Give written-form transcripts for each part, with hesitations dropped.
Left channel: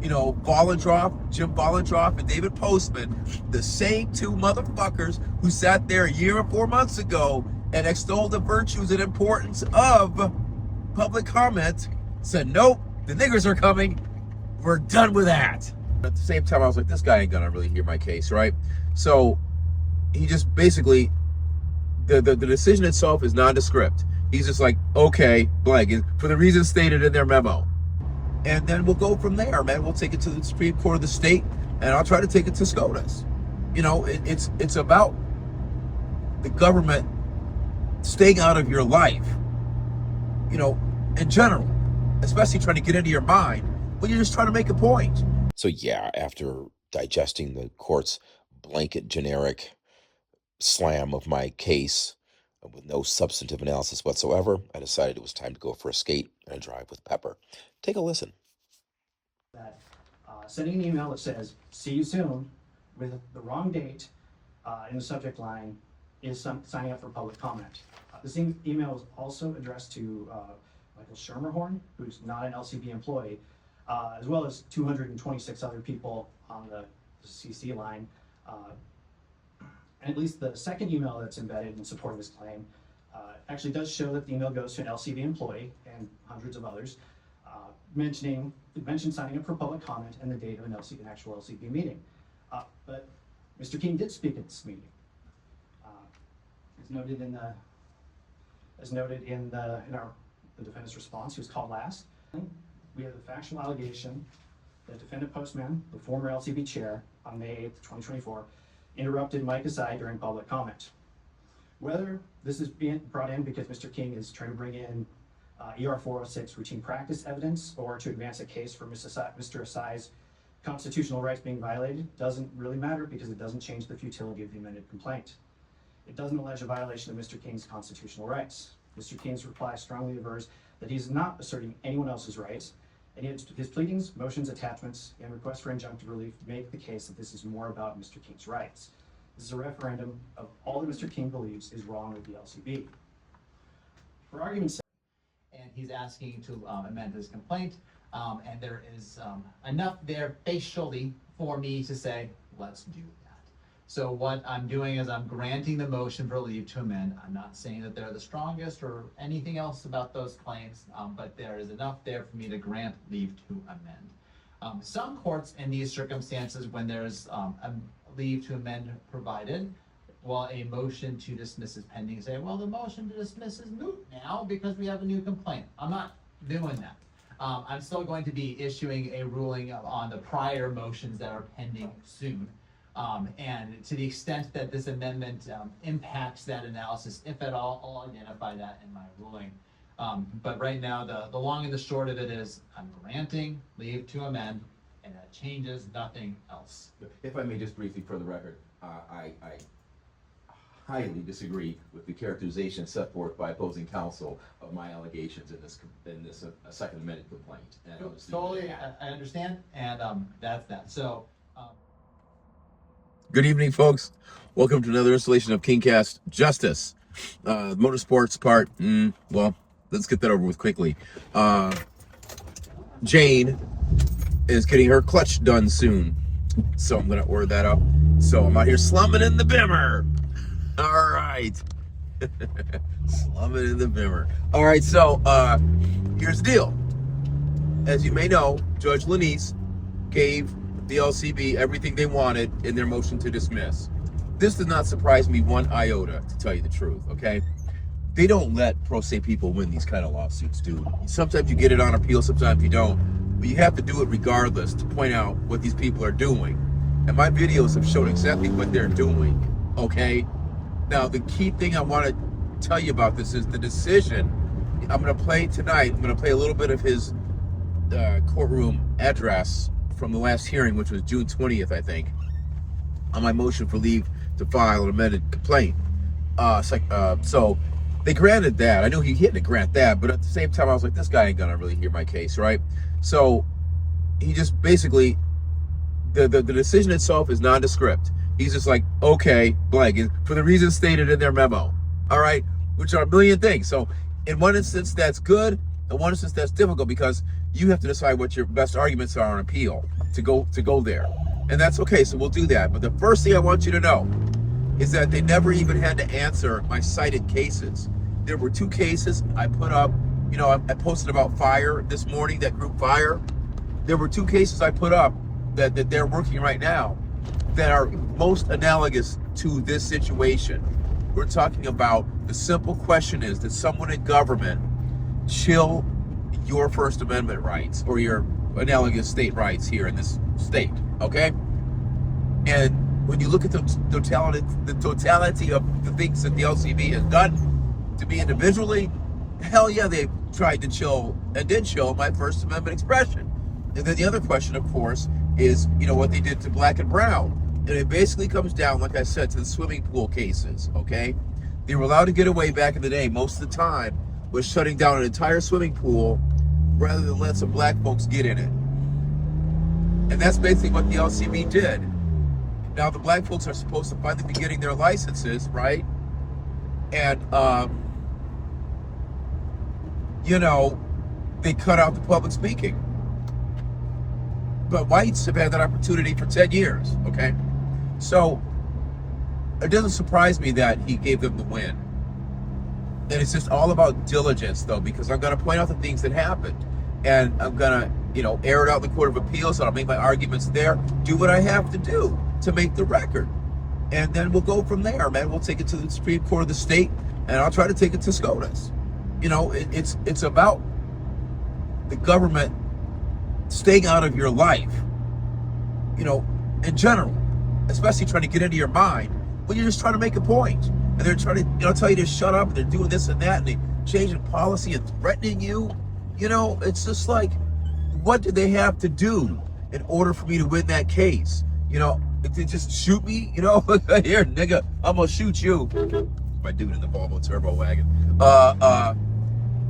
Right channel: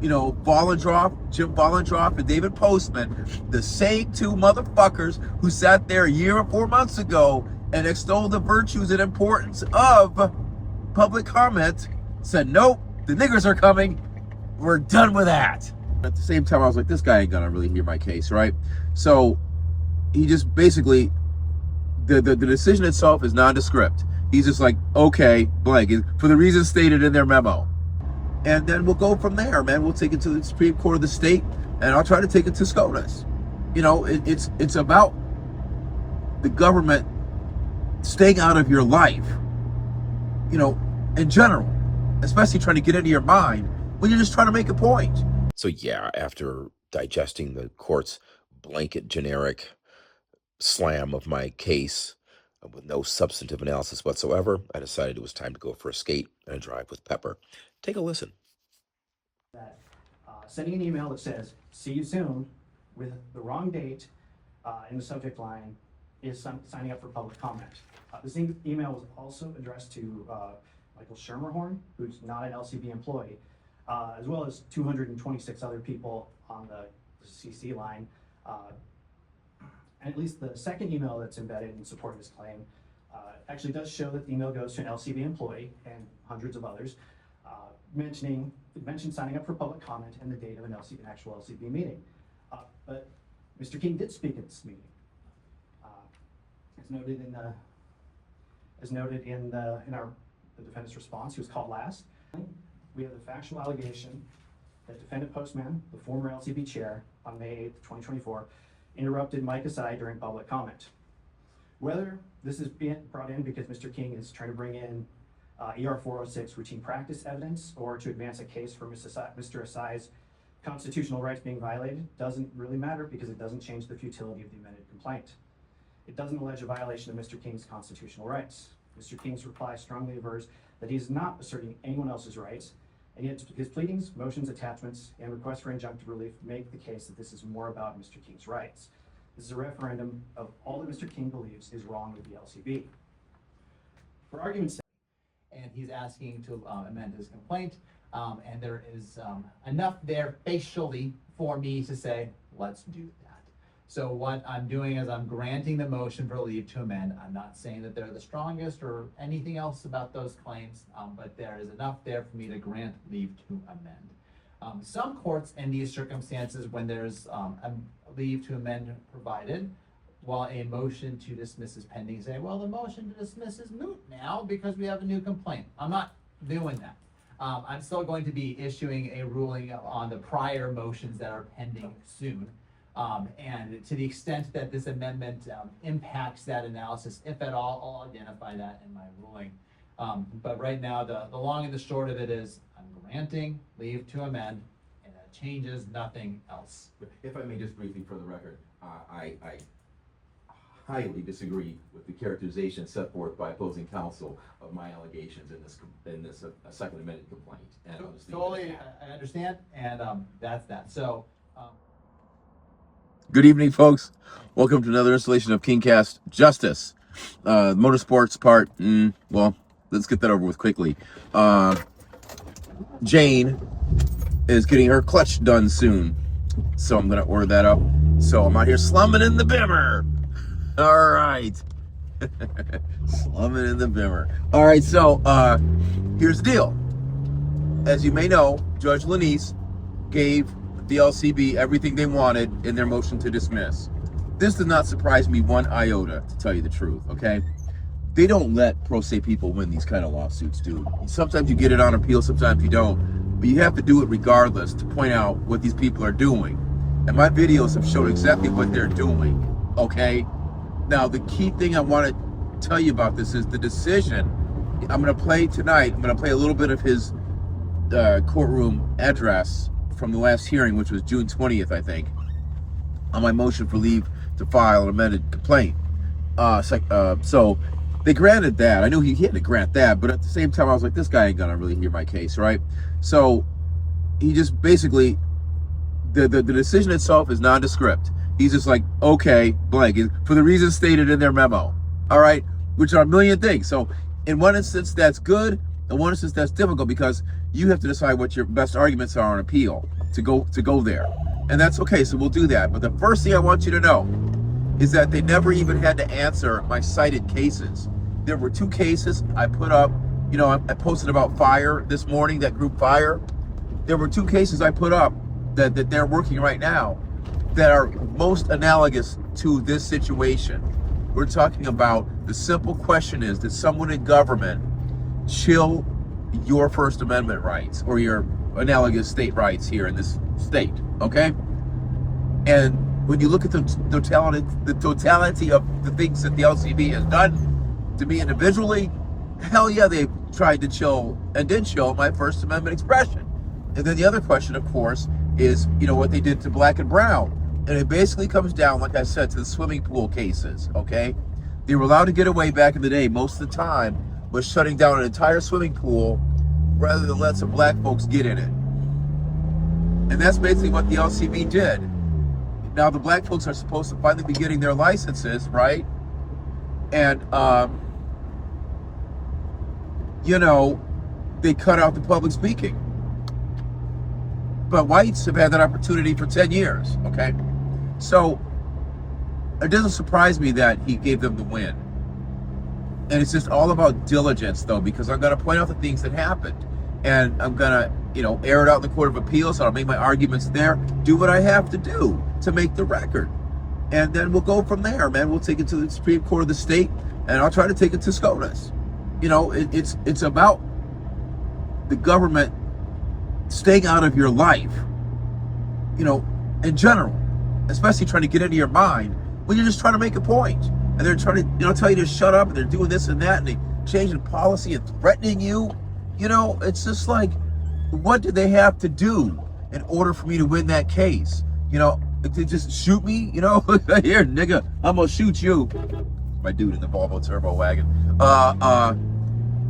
Jim Vollendroff, and David Postman, the same two motherfuckers who sat there a year or 4 months ago and extolled the virtues and importance of public comment, said, nope, the niggers are coming. We're done with that. At the same time, I was like, this guy ain't gonna really hear my case, right? So he just basically, the decision itself is nondescript. He's just like, okay, blank, for the reasons stated in their memo. And then we'll go from there, man. We'll take it to the Supreme Court of the state, and I'll try to take it to SCOTUS. It's about the government staying out of your life, in general, especially trying to get into your mind when you're just trying to make a point. So yeah, after digesting the court's blanket generic slam of my case with no substantive analysis whatsoever, I decided it was time to go for a skate and a drive with Pepper. Take a listen. Sending an email that says, see you soon, with the wrong date in the subject line is signing up for public comment. This email was also addressed to Michael Schermerhorn, who's not an LCB employee, as well as 226 other people on the CC line. And at least the second email that's embedded in support of this claim actually does show that the email goes to an LCB employee and hundreds of others, mentioned signing up for public comment and the date of an actual LCB meeting. But Mr. King did speak at this meeting. As noted in the defendant's response, he was called last. We have the factual allegation that defendant Postman, the former LCB chair, on May 8th, 2024, interrupted Mike Asai during public comment. Whether this is being brought in because Mr. King is trying to bring in ER 406 routine practice evidence or to advance a case for Mr. Asai's constitutional rights being violated doesn't really matter, because it doesn't change the futility of the amended complaint. It doesn't allege a violation of Mr. King's constitutional rights. Mr. King's reply strongly avers that he's not asserting anyone else's rights, and yet his pleadings, motions, attachments, and requests for injunctive relief make the case that this is more about Mr. King's rights. This is a referendum of all that Mr. King believes is wrong with the LCB. For argument's sake, and he's asking to amend his complaint, and there is enough there facially for me to say, let's do that. So what I'm doing is I'm granting the motion for leave to amend. I'm not saying that they're the strongest or anything else about those claims, but there is enough there for me to grant leave to amend. Some courts in these circumstances, when there's a leave to amend provided, while a motion to dismiss is pending, say, well, the motion to dismiss is moot now because we have a new complaint. I'm not doing that. I'm still going to be issuing a ruling on the prior motions that are pending soon. And to the extent that this amendment impacts that analysis, if at all, I'll identify that in my ruling. But right now, the long and the short of it is I'm granting leave to amend, and that changes nothing else. If I may just briefly, for the record, I highly disagree with the characterization set forth by opposing counsel of my allegations in this second amended complaint. And Totally, I understand, and that's that. So. Good evening, folks. Welcome to another installation of KingCast Justice. Motorsports part, well, let's get that over with quickly. Jane is getting her clutch done soon, so I'm going to order that up. So I'm out here slumming in the Bimmer. All right. Slumming in the Bimmer. All right, so here's the deal. As you may know, Judge Lanese gave the LCB everything they wanted in their motion to dismiss. This does not surprise me one iota, to tell you the truth, okay? They don't let pro se people win these kind of lawsuits, dude. Sometimes you get it on appeal, sometimes you don't. But you have to do it regardless to point out what these people are doing. And my videos have showed exactly what they're doing, okay? Now, the key thing I want to tell you about this is the decision. I'm going to play tonight, I'm going to play a little bit of his courtroom address from the last hearing, which was June 20th, I think, on my motion for leave to file an amended complaint. So they granted that. I knew he had to grant that, but at the same time, I was like, this guy ain't gonna really hear my case, right? So he just basically, the decision itself is nondescript. He's just like, okay, blank, for the reasons stated in their memo, all right, which are a million things. So in one instance, that's good. In one instance, that's difficult, because you have to decide what your best arguments are on appeal to go there. And that's okay, so we'll do that. But the first thing I want you to know is that they never even had to answer my cited cases. There were 2 cases I put up. You know, I posted about fire this morning, that group fire. There were 2 cases I put up that they're working right now that are most analogous to this situation. We're talking about, the simple question is, did someone in government chill your First Amendment rights or your analogous state rights here in this state, okay? And when you look at the totality of the things that the LCB has done to me individually, hell yeah, they tried to chill and did chill my First Amendment expression. And then the other question, of course, is, you know, what they did to black and brown. And it basically comes down, like I said, to the swimming pool cases, okay? They were allowed to get away back in the day, most of the time, with shutting down an entire swimming pool rather than let some black folks get in it. And that's basically what the LCB did. Now the black folks are supposed to finally be getting their licenses, right? And, you know, they cut out the public speaking. But whites have had that opportunity for 10 years, okay? So it doesn't surprise me that he gave them the win. And it's just all about diligence, though, because I'm going to point out the things that happened. And I'm going to, you know, air it out in the Court of Appeals. I'll make my arguments there, do what I have to do to make the record. And then we'll go from there, man. We'll take it to the Supreme Court of the state, and I'll try to take it to SCOTUS. You know, it's about the government staying out of your life, you know, in general, especially trying to get into your mind when you're just trying to make a point. And they're trying to, you know, tell you to shut up, and they're doing this and that, and they changing policy and threatening you. You know, it's just like, what did they have to do in order for me to win that case? You know, to just shoot me? You know, here, nigga, I'm gonna shoot you. My dude in the Volvo turbo wagon.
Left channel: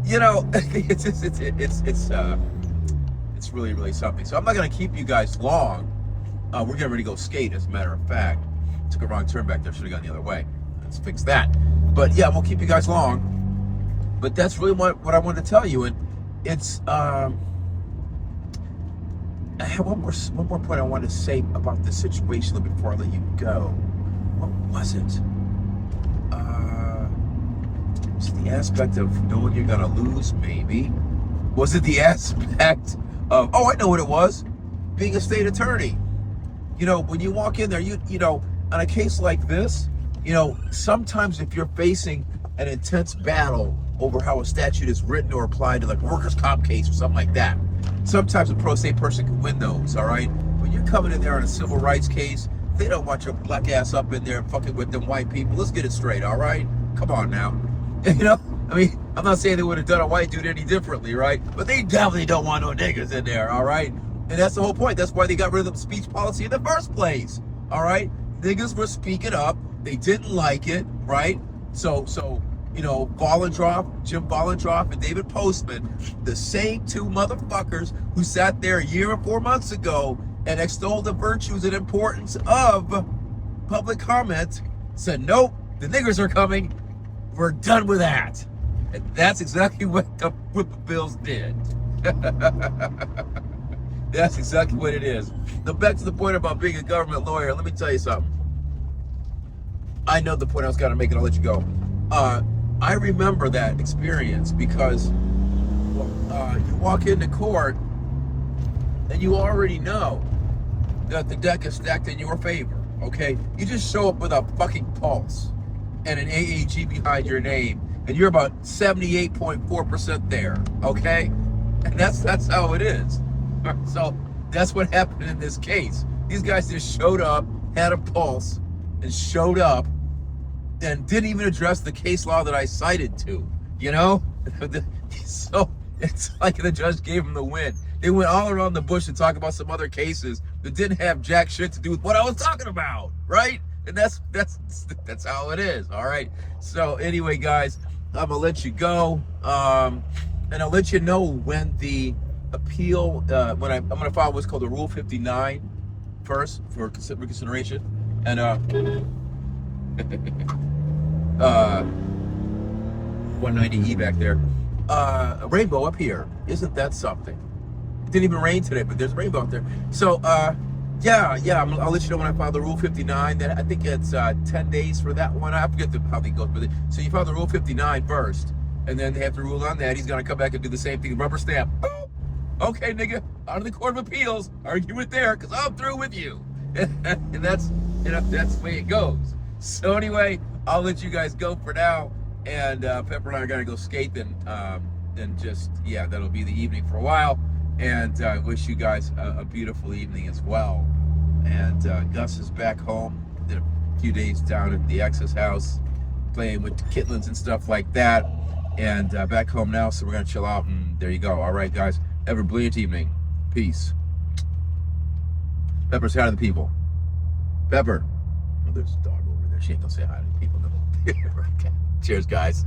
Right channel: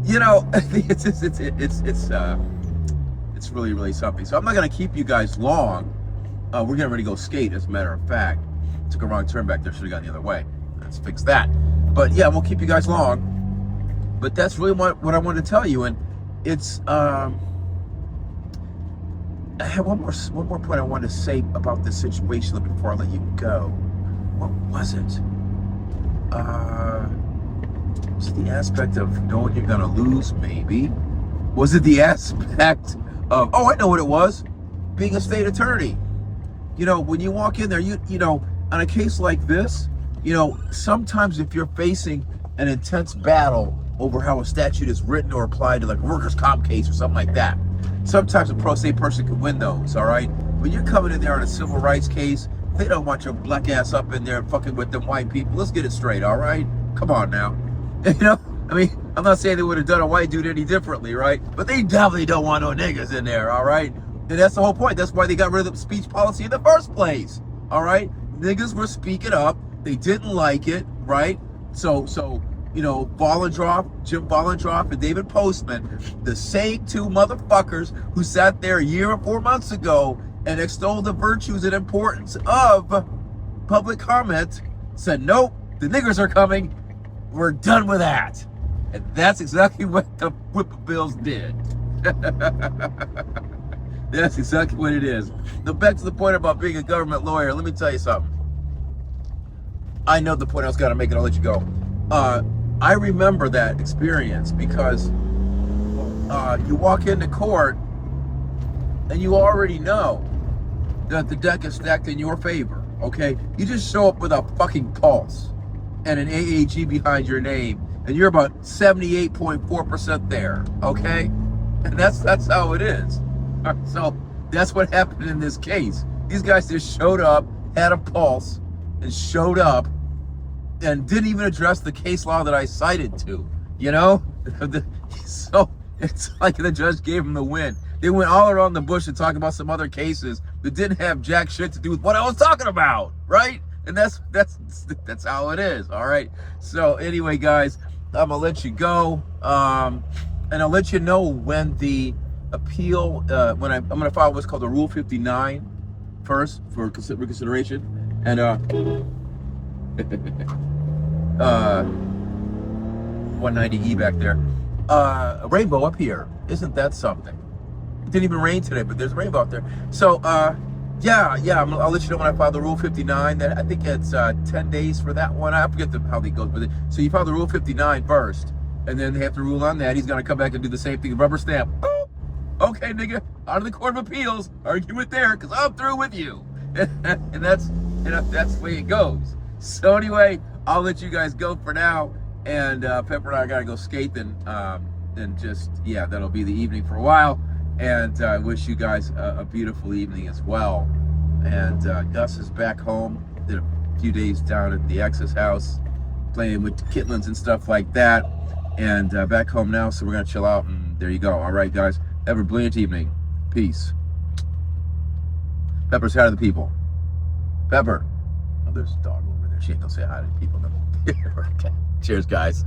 You know, it's really, really something. So I'm not gonna keep you guys long. We're getting ready to go skate, as a matter of fact. Took a wrong turn back there, should have gone the other way. Let's fix that. But yeah, we'll keep you guys long. But that's really what I wanted to tell you. And it's I have one more point I wanted to say about this situation before I let you go. What was it? Just the aspect of knowing you're gonna lose, maybe. Was it the aspect of, oh, I know what it was, being a state attorney? You know, when you walk in there, you know, on a case like this, you know, sometimes if you're facing an intense battle over how a statute is written or applied to, like, a workers' comp case or something like that, sometimes a pro se person can win those, all right? When you're coming in there on a civil rights case, they don't want your black ass up in there fucking with them white people. Let's get it straight, all right? Come on now. You know, I mean, I'm not saying they would have done a white dude any differently, right? But they definitely don't want no niggas in there, all right? And that's the whole point. That's why they got rid of the speech policy in the first place, all right? Niggas were speaking up. They didn't like it, right? So you know, Jim Bollendroff and David Postman, the same 2 motherfuckers who sat there a year and 4 months ago and extolled the virtues and importance of public comment, said, nope, the niggers are coming. We're done with that. And that's exactly what the Whippoorwills did. That's exactly what it is. Now, back to the point about being a government lawyer, let me tell you something. I know the point I was going to make, and I'll let you go. I remember that experience because you walk into court and you already know that the deck is stacked in your favor, okay? You just show up with a fucking pulse and an AAG behind your name, and you're about 78.4% there, okay? And that's how it is. So that's what happened in this case. These guys just showed up, had a pulse, and showed up, and didn't even address the case law that I cited to, you know? So it's like the judge gave them the win. They went all around the bush and talked about some other cases that didn't have jack shit to do with what I was talking about, right? And that's how it is, all right? So anyway, guys, I'm gonna let you go, and I'll let you know when the appeal, when I'm gonna file what's called a Rule 59 first for reconsideration, and 190E back there. A rainbow up here. Isn't that something? It didn't even rain today, but there's a rainbow out there. So, yeah, I'll let you know when I file the Rule 59. That I think it's 10 days for that one. I forget how they go, but so you file the Rule 59 first, and then they have to rule on that. He's gonna come back and do the same thing. Rubber stamp. Boop. Okay, nigga, out of the Court of Appeals, argument there, because I'm through with you. And that's the way it goes. So anyway, I'll let you guys go for now. And Pepper and I gotta go skating. And just, yeah, that'll be the evening for a while. And I wish you guys a beautiful evening as well. And Gus is back home. Did a few days down at the ex's house, playing with the kittens and stuff like that. And back home now, so we're gonna chill out. And there you go. All right, guys. Have a brilliant evening. Peace. Pepper's hi to the people. Pepper. Oh, there's a dog over there. She ain't gonna say hi to the people. No. Okay. Cheers, guys.